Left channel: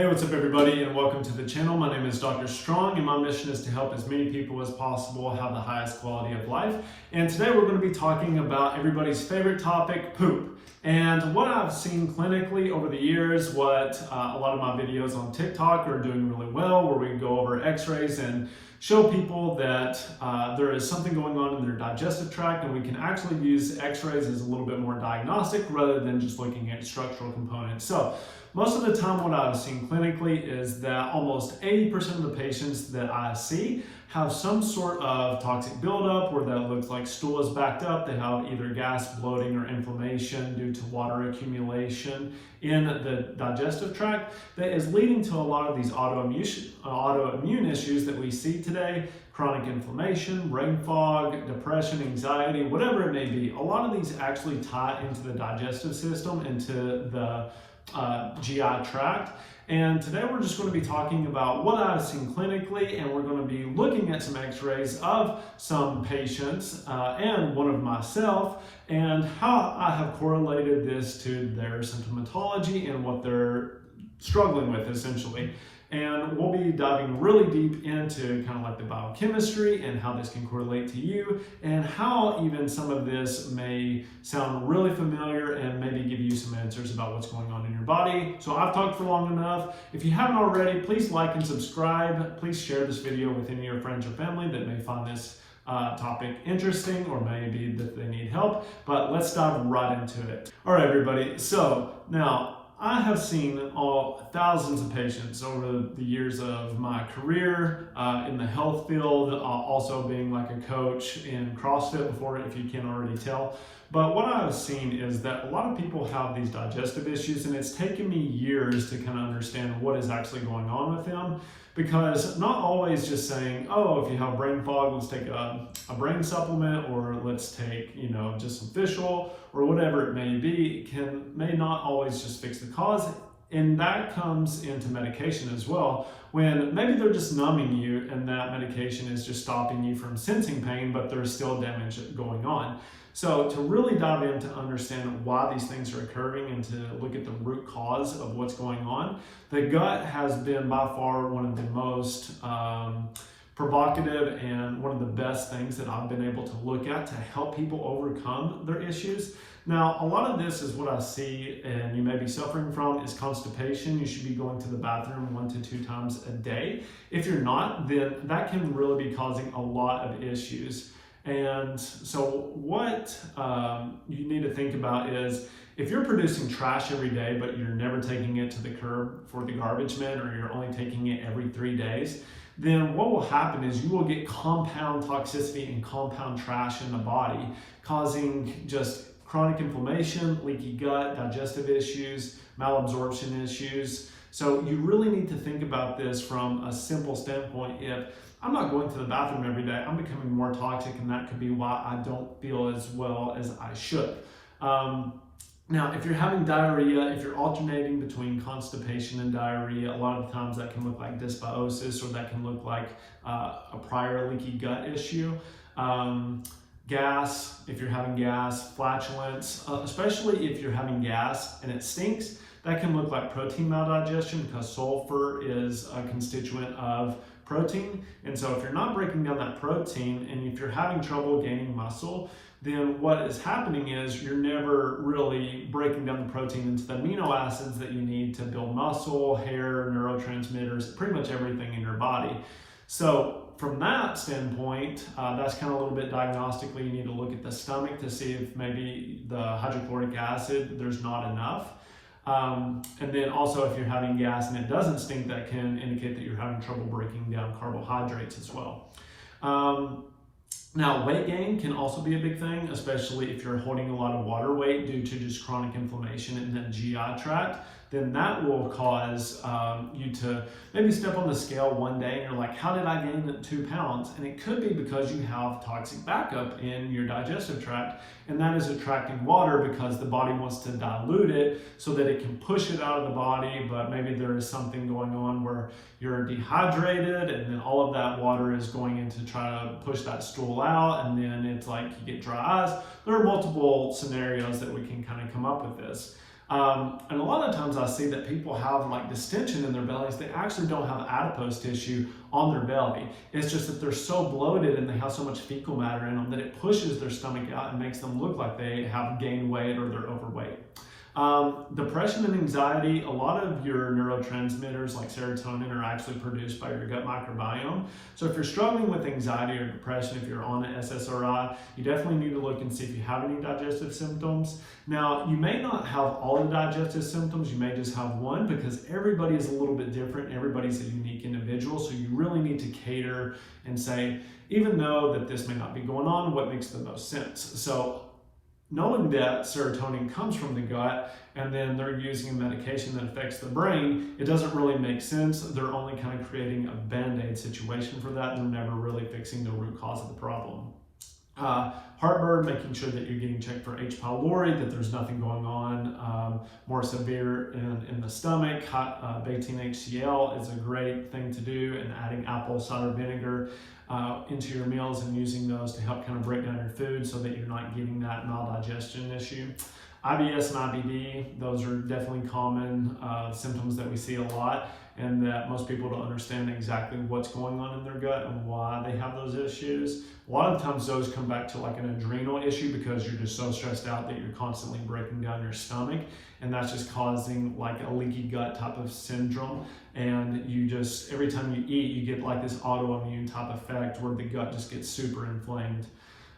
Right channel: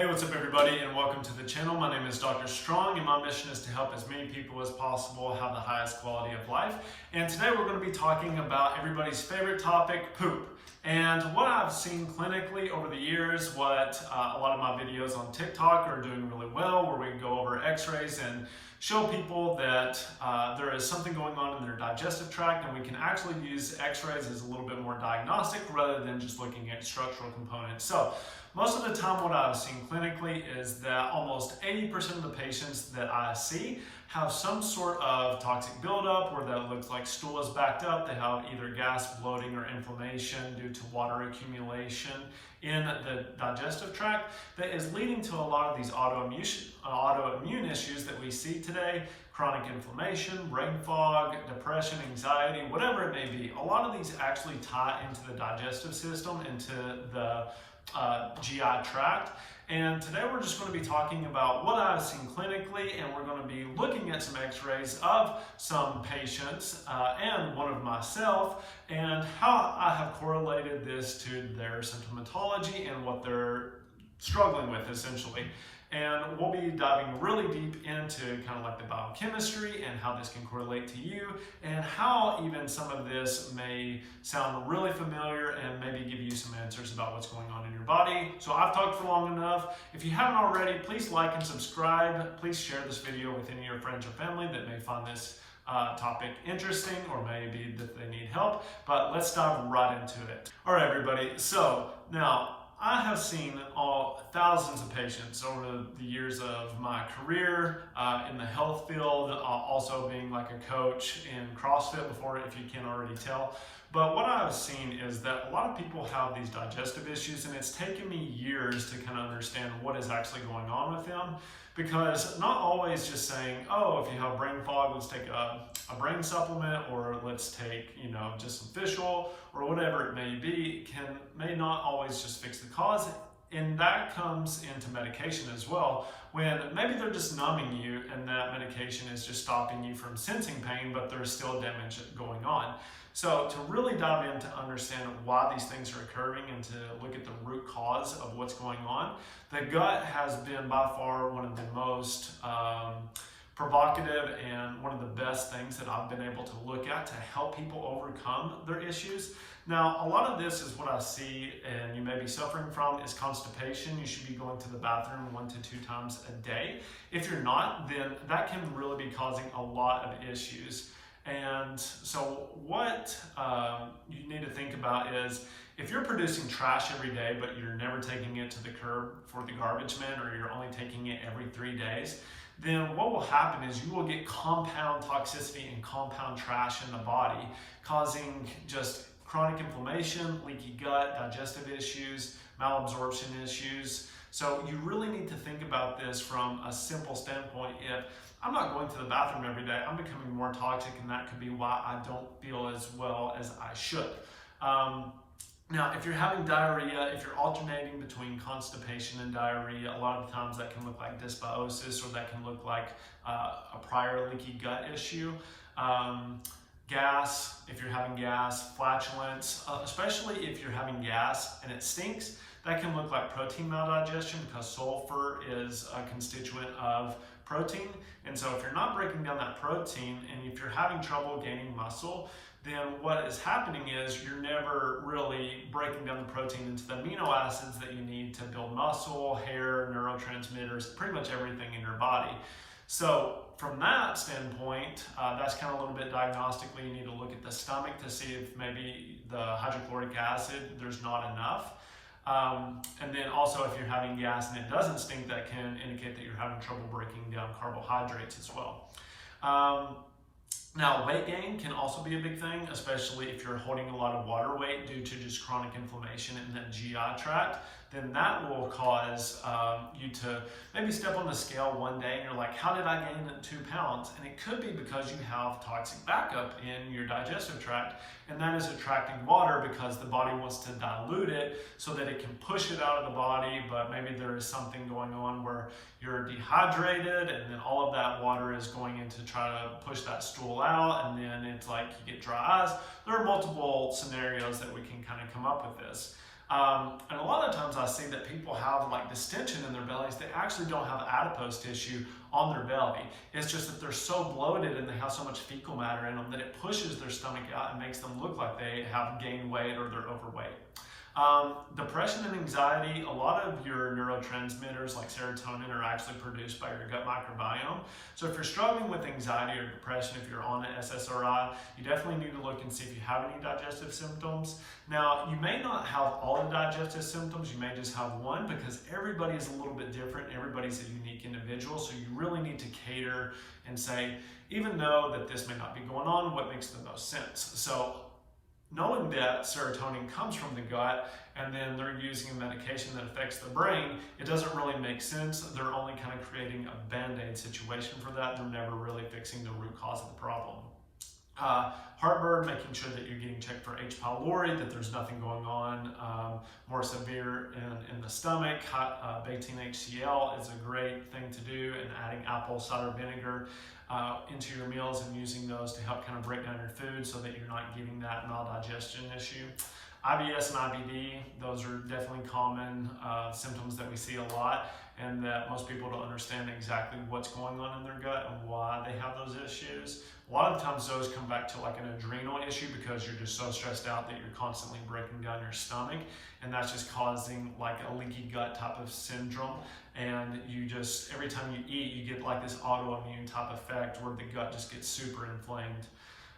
Hey, what's up everybody, and welcome to the channel. My name is Dr. Strong, and my mission is to help as many people as possible have the highest quality of life. And today we're going to be talking about everybody's favorite topic, poop. And what I've seen clinically over the years, what a lot of my videos on TikTok are doing really well, where we go over x-rays and show people that there is something going on in their digestive tract, and we can actually use x-rays as a little bit more diagnostic rather than just looking at structural components. So most of the time what I've seen clinically is that almost 80% of the patients that I see have some sort of toxic buildup where that looks like stool is backed up. They have either gas, bloating, or inflammation due to water accumulation in the digestive tract that is leading to a lot of these autoimmune issues that we see today: chronic inflammation, brain fog, depression, anxiety, whatever it may be. A lot of these actually tie into the digestive system, into the GI tract. And today we're just going to be talking about what I've seen clinically, and we're going to be looking at some x-rays of some patients and one of myself, and how I have correlated this to their symptomatology and what they're struggling with essentially. And we'll be diving really deep into kind of like the biochemistry and how this can correlate to you, and how even some of this may sound really familiar and maybe give you some answers about what's going on in your body. So I've talked for long enough. If you haven't already, please like and subscribe. Please share this video with any of your friends or family that may find this topic interesting, or maybe that they need help. But let's dive right into it. All right, everybody. So now, I have seen thousands of patients over the years of my career in the health field, also being like a coach in CrossFit before, if you can't already tell. But what I've seen is that a lot of people have these digestive issues, and it's taken me years to kind of understand what is actually going on with them. Because not always just saying, oh, if you have brain fog, let's take a brain supplement, or let's take, just some fish oil, or whatever it may be, may not always just fix the cause. And that comes into medication as well, when maybe they're just numbing you and that medication is just stopping you from sensing pain, but there's still damage going on. So to really dive in to understand why these things are occurring and to look at the root cause of what's going on, the gut has been by far one of the most provocative and one of the best things that I've been able to look at to help people overcome their issues. Now, a lot of this is what I see, and you may be suffering from, is constipation. You should be going to the bathroom 1 to 2 times a day. If you're not, then that can really be causing a lot of issues. And so what you need to think about is, if you're producing trash every day, but you're never taking it to the curb for the garbage man, or you're only taking it every 3 days, then what will happen is you will get compound toxicity and compound trash in the body, causing just chronic inflammation, leaky gut, digestive issues, malabsorption issues. So you really need to think about this from a simple standpoint. If I'm not going to the bathroom every day, I'm becoming more toxic, and that could be why I don't feel as well as I should. Now, if you're having diarrhea, if you're alternating between constipation and diarrhea, a lot of times that can look like dysbiosis, or that can look like a prior leaky gut issue. Gas, if you're having gas, flatulence, especially if you're having gas and it stinks, that can look like protein maldigestion, because sulfur is a constituent of protein. And so if you're not breaking down that protein, and if you're having trouble gaining muscle, then what is happening is you're never really breaking down the protein into the amino acids that you need to build muscle, hair, neurotransmitters, pretty much everything in your body. So from that standpoint, that's kind of a little bit diagnostically. You need to look at the stomach to see if maybe the hydrochloric acid, there's not enough. And then also, if you're having gas and it doesn't stink, that can indicate that you're having trouble breaking down carbohydrates as well. Now, weight gain can also be a big thing, especially if you're holding a lot of water weight due to just chronic inflammation in the GI tract. Then that will cause you to maybe step on the scale one day and you're like, how did I gain 2 pounds? And it could be because you have toxic backup in your digestive tract, and that is attracting water because the body wants to dilute it so that it can push it out of the body. But maybe there is something going on where you're dehydrated, and then all of that water is going in to try to push that stool out, and then it's like you get dry eyes. There are multiple scenarios that we can kind of come up with this. And a lot of times I see that people have like distension in their bellies. They actually don't have adipose tissue on their belly. It's just that they're so bloated and they have so much fecal matter in them that it pushes their stomach out and makes them look like they have gained weight or they're overweight. Depression and anxiety, a lot of your neurotransmitters like serotonin are actually produced by your gut microbiome. So if you're struggling with anxiety or depression, if you're on an SSRI, you definitely need to look and see if you have any digestive symptoms. Now, you may not have all the digestive symptoms, you may just have one, because everybody is a little bit different. Everybody's a unique individual, so you really need to cater and say, even though that this may not be going on, what makes the most sense? So knowing that serotonin comes from the gut and then they're using a medication that affects the brain, it doesn't really make sense. They're only kind of creating a band-aid situation for that. They're never really fixing the root cause of the problem. Heartburn, making sure that you're getting checked for H. pylori, that there's nothing going on more severe in the stomach. Betaine-HCl is a great thing to do, and adding apple cider vinegar into your meals and using those to help kind of break down your food so that you're not getting that maldigestion issue. IBS and IBD, those are definitely common symptoms that we see a lot, and that most people don't understand exactly what's going on in their gut and why they have those issues. A lot of times those come back to like an adrenal issue because you're just so stressed out that you're constantly breaking down your stomach, and that's just causing like a leaky gut type of syndrome. And you just, every time you eat, you get like this autoimmune type effect where the gut just gets super inflamed.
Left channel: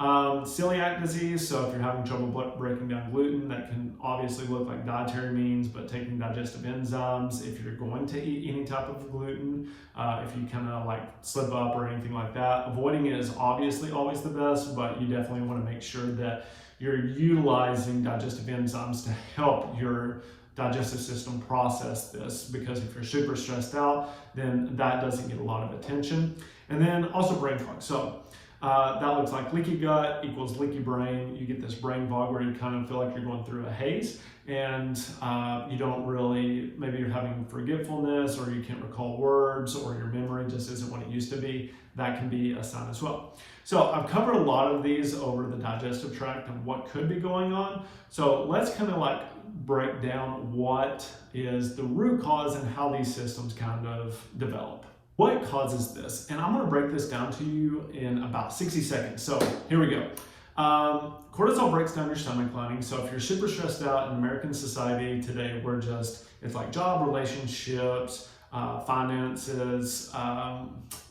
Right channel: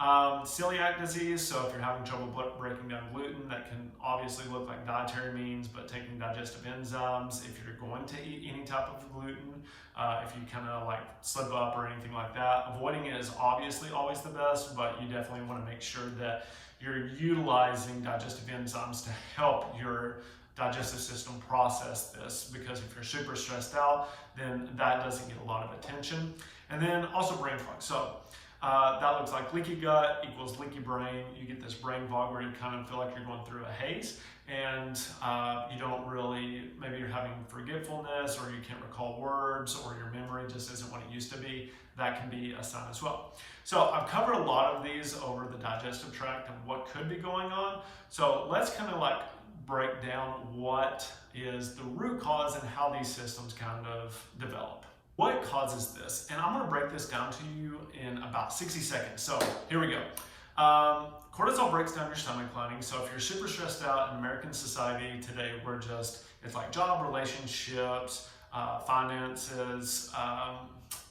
Celiac disease, so if you're having trouble breaking down gluten, that can obviously look like dietary means, but taking digestive enzymes, if you're going to eat any type of gluten, if you kind of like slip up or anything like that, avoiding it is obviously always the best, but you definitely want to make sure that you're utilizing digestive enzymes to help your digestive system process this, because if you're super stressed out, then that doesn't get a lot of attention. And then also brain fog. So that looks like leaky gut equals leaky brain. You get this brain fog where you kind of feel like you're going through a haze, and you don't really, maybe you're having forgetfulness, or you can't recall words, or your memory just isn't what it used to be. That can be a sign as well. So I've covered a lot of these over the digestive tract and what could be going on. So let's kind of like break down what is the root cause and how these systems kind of develop. What causes this? And I'm going to break this down to you in about 60 seconds. So here we go. Cortisol breaks down your stomach lining. So if you're super stressed out in American society today, we're just, it's like job, relationships, finances,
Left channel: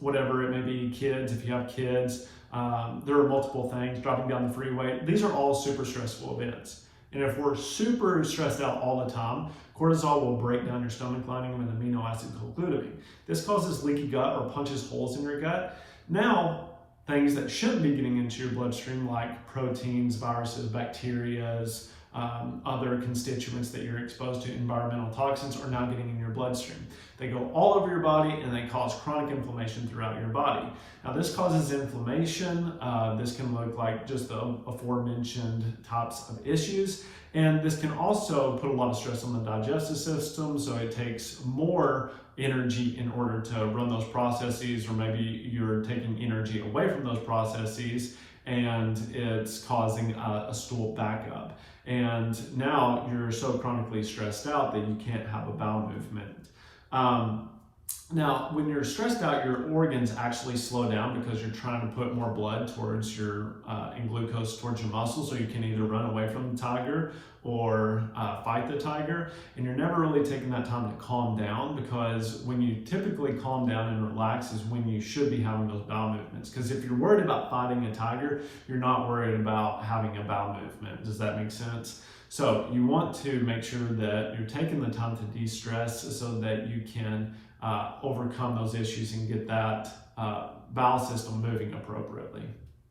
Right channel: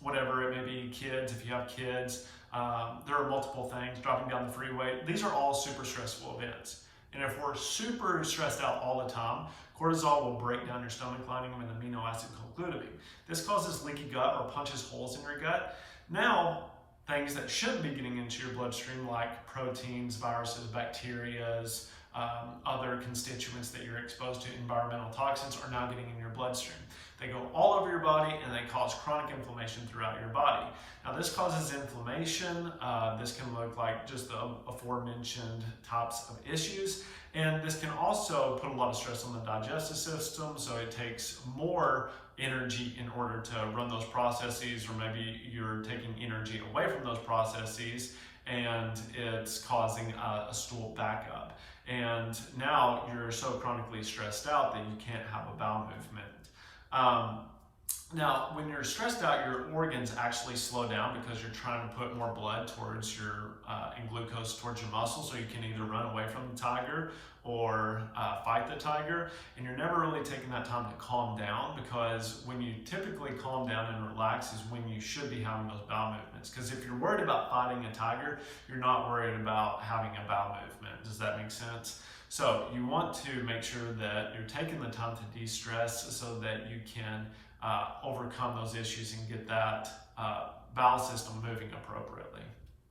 whatever it may be, kids, if you have kids, there are multiple things, dropping down the freeway. These are all super stressful events. And if we're super stressed out all the time, cortisol will break down your stomach lining with an amino acid called glutamine. This causes leaky gut or punches holes in your gut. Now, things that shouldn't be getting into your bloodstream, like proteins, viruses, bacteria, other constituents that you're exposed to, environmental toxins, are now getting in your bloodstream. They go all over your body and they cause chronic inflammation throughout your body. Now this causes inflammation. This can look like just the aforementioned types of issues. And this can also put a lot of stress on the digestive system, so it takes more energy in order to run those processes, or maybe you're taking energy away from those processes and it's causing a stool backup. And now you're so chronically stressed out that you can't have a bowel movement. Now, when you're stressed out, your organs actually slow down because you're trying to put more blood towards your, and glucose towards your muscles, so you can either run away from the tiger or fight the tiger. And you're never really taking that time to calm down, because when you typically calm down and relax is when you should be having those bowel movements. Because if you're worried about fighting a tiger, you're not worried about having a bowel movement. Does that make sense? So you want to make sure that you're taking the time to de-stress so that you can overcome those issues and get that bowel system moving appropriately.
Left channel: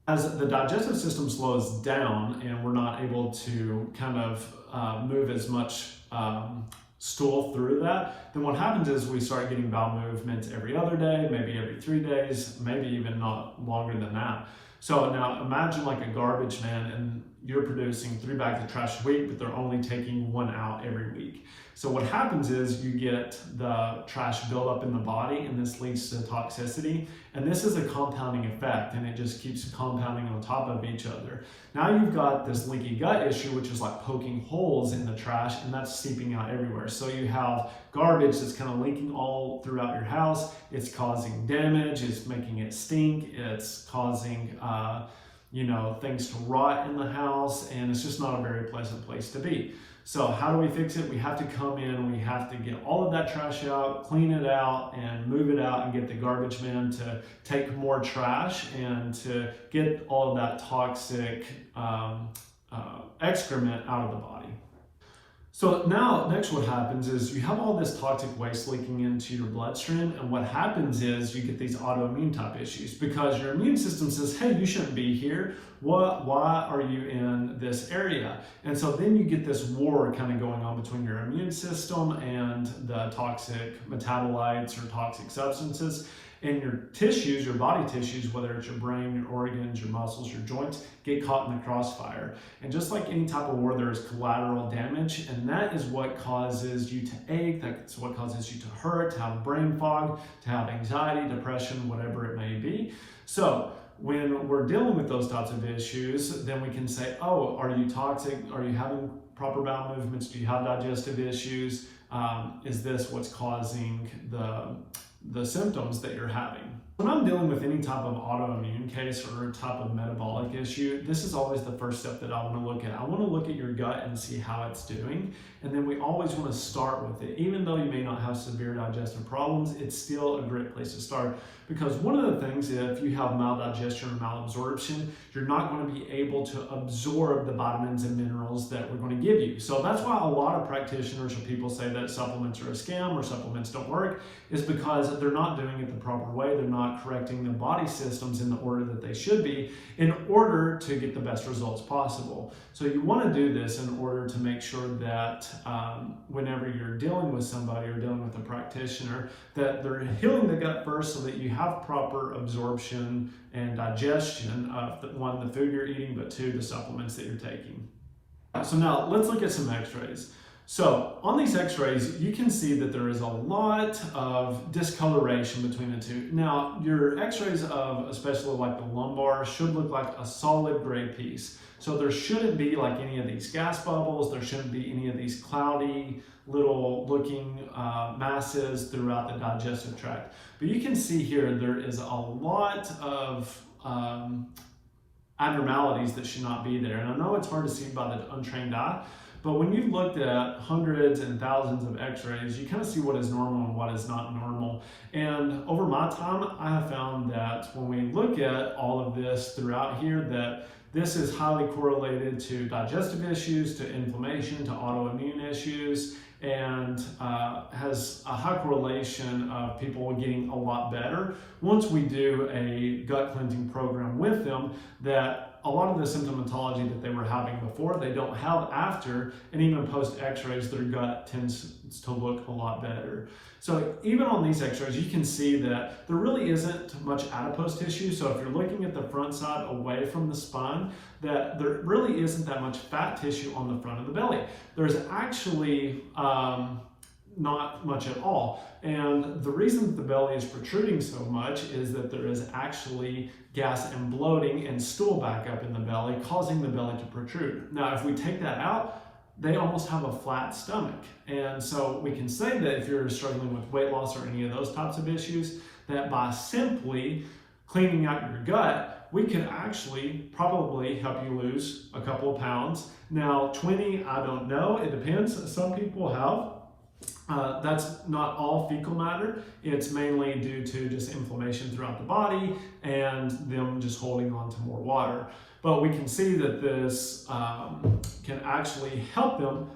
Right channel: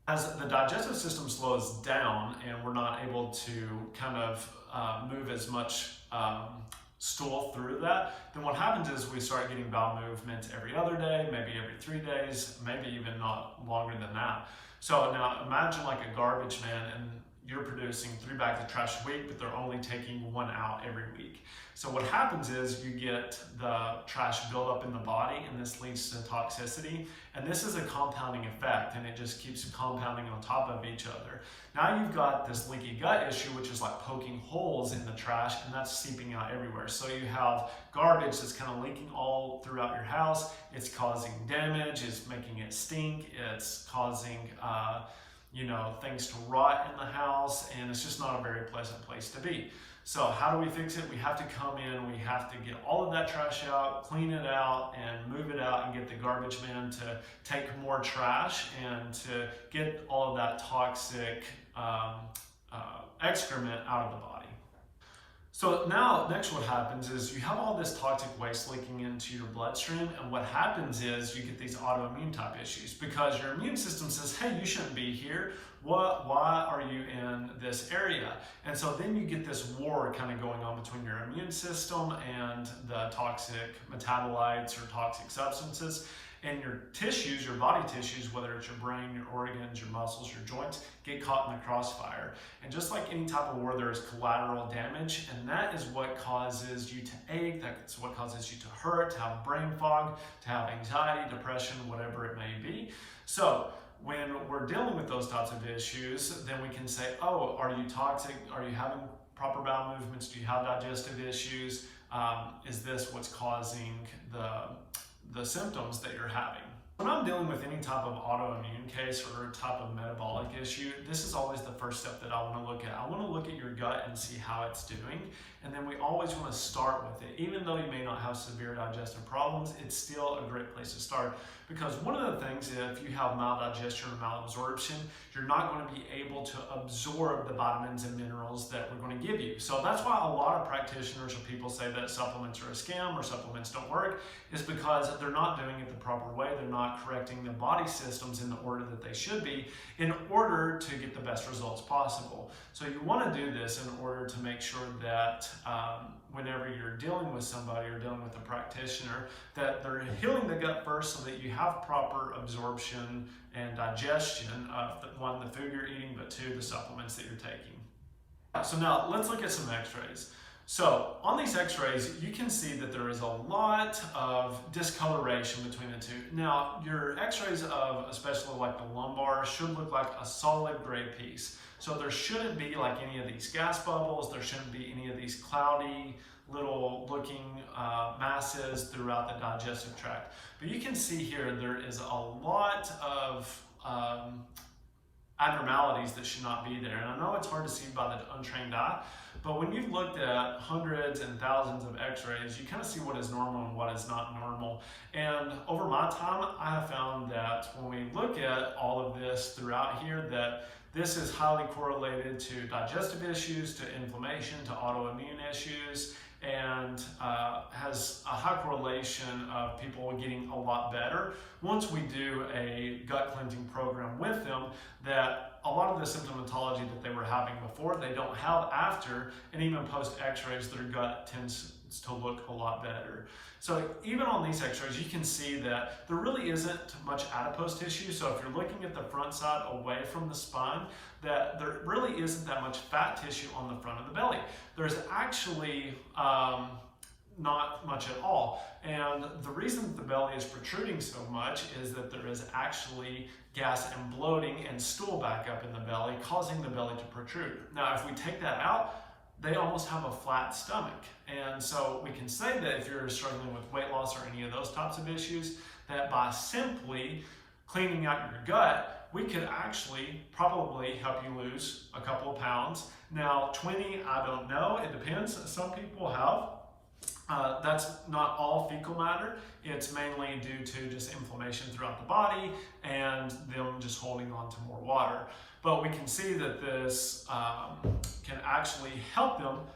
As the digestive system slows down and we're not able to kind of move as much stool through that, then what happens is we start getting bowel movements every other day, maybe every 3 days, maybe even not longer than that. So now imagine like a garbage man, and you're producing 3 bags of trash a week, but they're only taking 1 out every week. So what happens is you get the trash build up in the body, and this leads to toxicity. And this is a compounding effect, and it just keeps compounding on top of each other. Now you've got this leaky gut issue, which is like poking holes in the trash, and that's seeping out everywhere. So you have garbage that's kind of leaking all throughout your house. It's causing damage, it's making it stink, it's causing things to rot in the house, and it's just not a very pleasant place to be. So how do we fix it? We have to come in, we have to get all of that trash out, clean it out, and move it out, and get the garbage man to take more trash and to get all of that toxic excrement out of the body. So now, next what happens is you have all this toxic waste leaking into your bloodstream, and what happens is you get these autoimmune type issues because your immune system says, hey, you shouldn't be here. Why are you in this area? And so then you get this war kind of going on between your immune system and the toxic metabolites or toxic substances. And your tissues, your body tissues, whether it's your brain, your organs, your muscles, your joints, get caught in the crossfire. And just like any type of war, there is collateral damage, and that is what causes you to ache, that's what causes you to hurt, to have brain fog, to have anxiety, depression, whatever it may be. So when we're dealing with those types of issues, then we can say, oh, are you toxic? Are you having proper bowel movements? Do you have digestive issues? Is this what's causing the symptoms that you're having? When I'm dealing with any type of autoimmune case or type of metabolic issue, this is always the first step that I want to look at. I want to look at your gut and see how it's doing. And then we always want to start with it. Even though you may not have severe digestive problems, it's still a great place to start. Because one of the things, if you have maldigestion or malabsorption, you're not going to be able to absorb the vitamins and minerals that we're going to give you. So that's why a lot of practitioners or people say that supplements are a scam or supplements don't work, is because they're not doing it the proper way. They're not correcting the body systems in the order that they should be in order to get the best results possible. So you want to do this in order to make sure that whenever you're dealing with somebody or dealing with a practitioner, that they're healing the gut first so that you have proper absorption and digestion of the food you're eating, but 2, the supplements that you're taking. So now let's look at some x-rays. So on these x-rays, you can see that there is a lot of discoloration between the 2. Now, your x-rays of especially like the lumbar should look like a solid gray piece. So there shouldn't be like any of these gas bubbles. There shouldn't be any of these cloudy little looking masses throughout the digestive tract. But you can see here there is a lot of abnormalities that should not be there. And I know it's hard to see by the untrained eye, but when you've looked at hundreds and thousands of x-rays, you kind of see what is normal and what is not normal. And over my time, I have found that when we look at all of this throughout here, that this is highly correlated to digestive issues, to inflammation, to autoimmune issues, and has a high correlation of people getting a lot better once we do a gut cleansing program with them, that a lot of the symptomatology that they were having before, they don't have after, and even post x-rays, their gut tends to look a lot better. So even on these x-rays, you can see that there really isn't much adipose tissue. So if you're looking at the front side away from the spine, that there really isn't that much fat tissue on the front of the belly. There's actually not much at all. And the reason that the belly is protruding so much is that there is actually gas and bloating and stool backup in the belly, causing the belly to protrude. Now, if we take that out, they almost have a flat stomach. And so we can say that if you're struggling with weight loss or any of those types of issues, that by simply cleaning out your gut, we could actually probably help you lose a couple of pounds. Now, 20, I don't know, it depends. Some people have. That's not all fecal matter. It's mainly due to just inflammation throughout the body and them just holding on to more water. But we can see that this can actually help them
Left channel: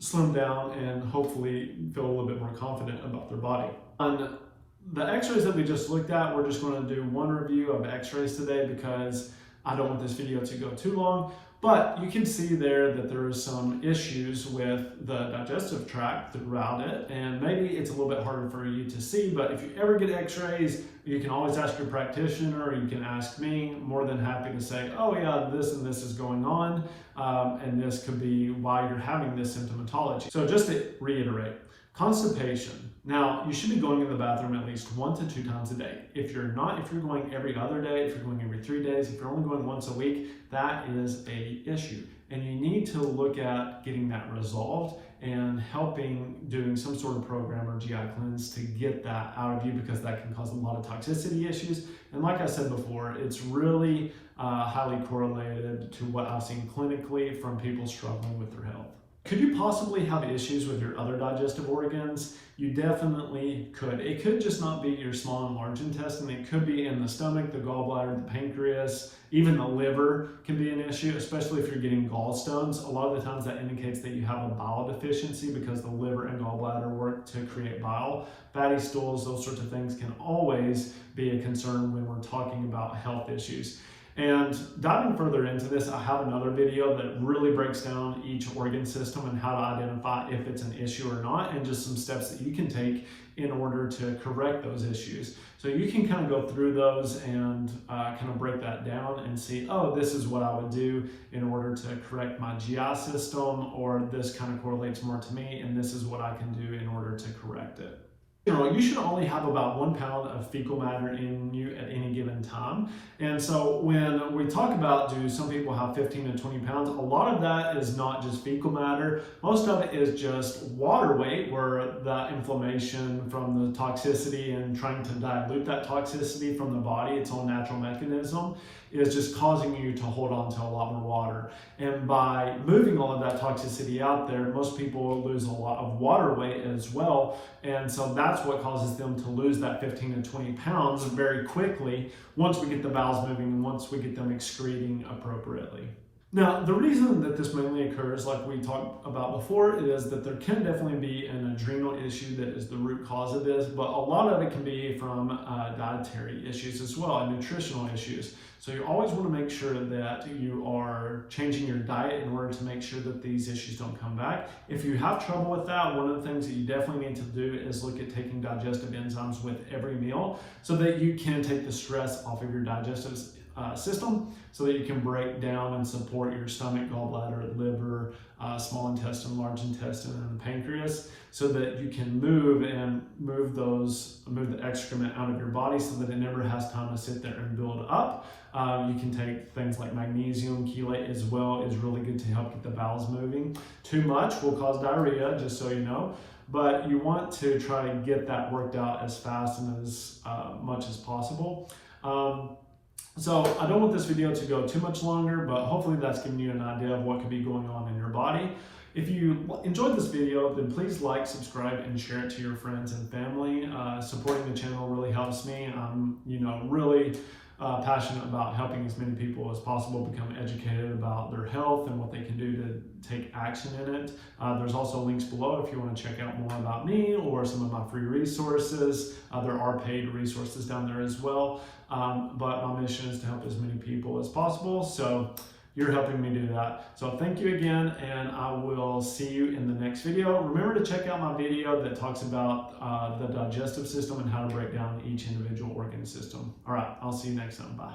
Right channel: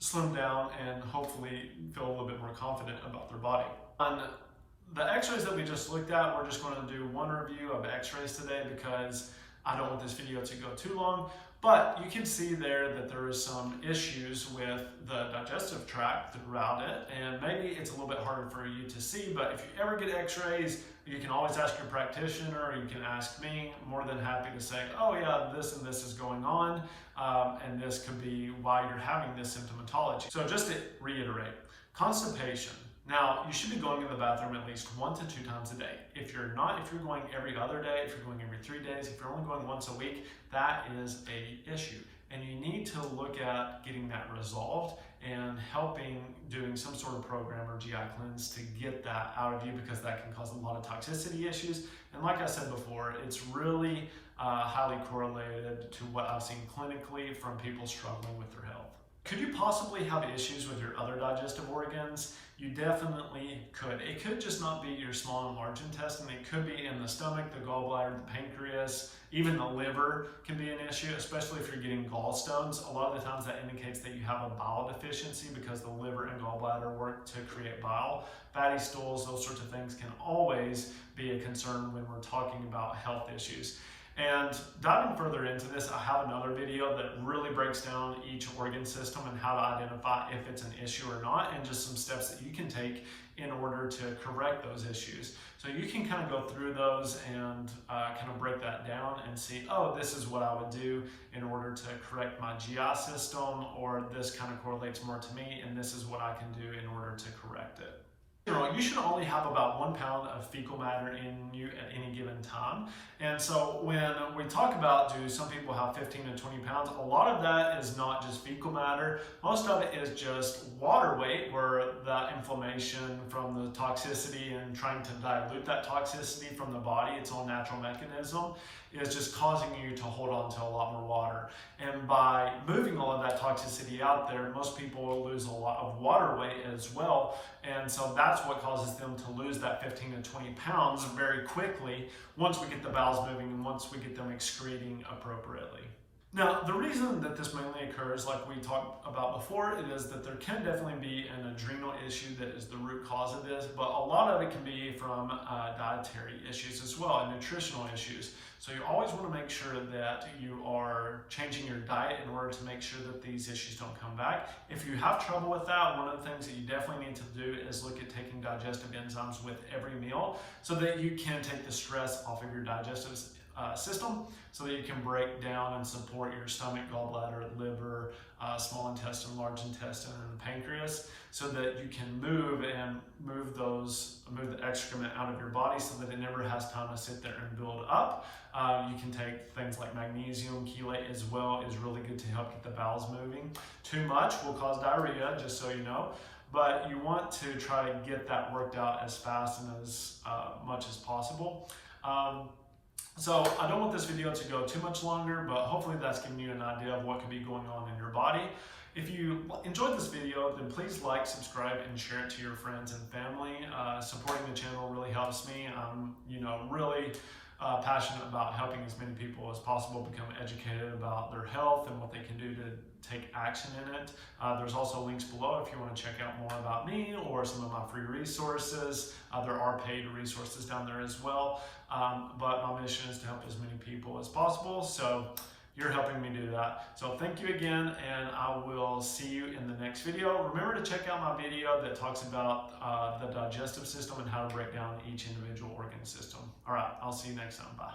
slim down and hopefully feel a little bit more confident about their body. On the x-rays that we just looked at, we're just going to do one review of x-rays today because I don't want this video to go too long. But you can see there that there are some issues with the digestive tract throughout it, and maybe it's a little bit harder for you to see, but if you ever get x-rays, you can always ask your practitioner, or you can ask me. More than happy to say, oh yeah, this and this is going on, and this could be why you're having this symptomatology. So just to reiterate, constipation. Now, you should be going in the bathroom at least 1 to 2 times a day. If you're not, if you're going every other day, if you're going every 3 days, if you're only going once a week, that is an issue. And you need to look at getting that resolved and doing some sort of program or GI cleanse to get that out of you, because that can cause a lot of toxicity issues. And like I said before, it's really highly correlated to what I've seen clinically from people struggling with their health. Could you possibly have issues with your other digestive organs? You definitely could. It could just not be your small and large intestine. It could be in the stomach, the gallbladder, the pancreas, even the liver can be an issue, especially if you're getting gallstones. A lot of the times that indicates that you have a bile deficiency, because the liver and gallbladder work to create bile. Fatty stools, those sorts of things can always be a concern when we're talking about health issues. And diving further into this, I have another video that really breaks down each organ system and how to identify if it's an issue or not, and just some steps that you can take in order to correct those issues. So you can kind of go through those and kind of break that down and see, oh, this is what I would do in order to correct my GI system, or this kind of correlates more to me, and this is what I can do in order to correct it. You should only have about 1 pound of fecal matter in you at any given time. And so when we talk about, do some people have 15 to 20 pounds, a lot of that is not just fecal matter. Most of it is just water weight, where the inflammation from the toxicity and trying to dilute that toxicity from the body, its own natural mechanism, is just causing you to hold on to a lot more water. And by moving all of that toxicity out there, most people will lose a lot of water weight as well. And so that's what causes them to lose that 15 to 20 pounds very quickly once we get the bowels moving and once we get them excreting appropriately. Now, the reason that this mainly occurs, like we talked about before, is that there can definitely be an adrenal issue that is the root cause of this, but a lot of it can be from dietary issues as well, and nutritional issues. So you always want to make sure that you are changing your diet in order to make sure that these issues don't come back. If you have trouble with that, one of the things that you definitely need to do is look at taking digestive enzymes with every meal, so that you can take the stress off of your digestive system, so that you can break down and support your stomach, gallbladder, liver, small intestine, large intestine, and the pancreas, so that you can move the excrement out of your body, so that it never has time to sit there and build up. You can take things like magnesium, chelate as well, is really good to help get the bowels moving. Too much will cause diarrhea, just so you know. But you want to try to get that worked out as fast and as much as possible. So I don't want this video to go too much longer, but hopefully that's giving you an idea of what could be going on in your body. If you enjoyed this video, then please like, subscribe, and share it to your friends and family. Supporting the channel really helps me. I'm, really passionate about helping as many people as possible become educated about their health and what they can do to take action in it. There's also links below if you want to check out more about me or some of my free resources. There are paid resources down there as well. But my mission is to help as many people as possible. So you're helping me do that. So thank you again, and I will see you in the next video. Remember to check out my video that talks about the digestive system and how to break down each individual organ system. All right, I'll see you next time. Bye.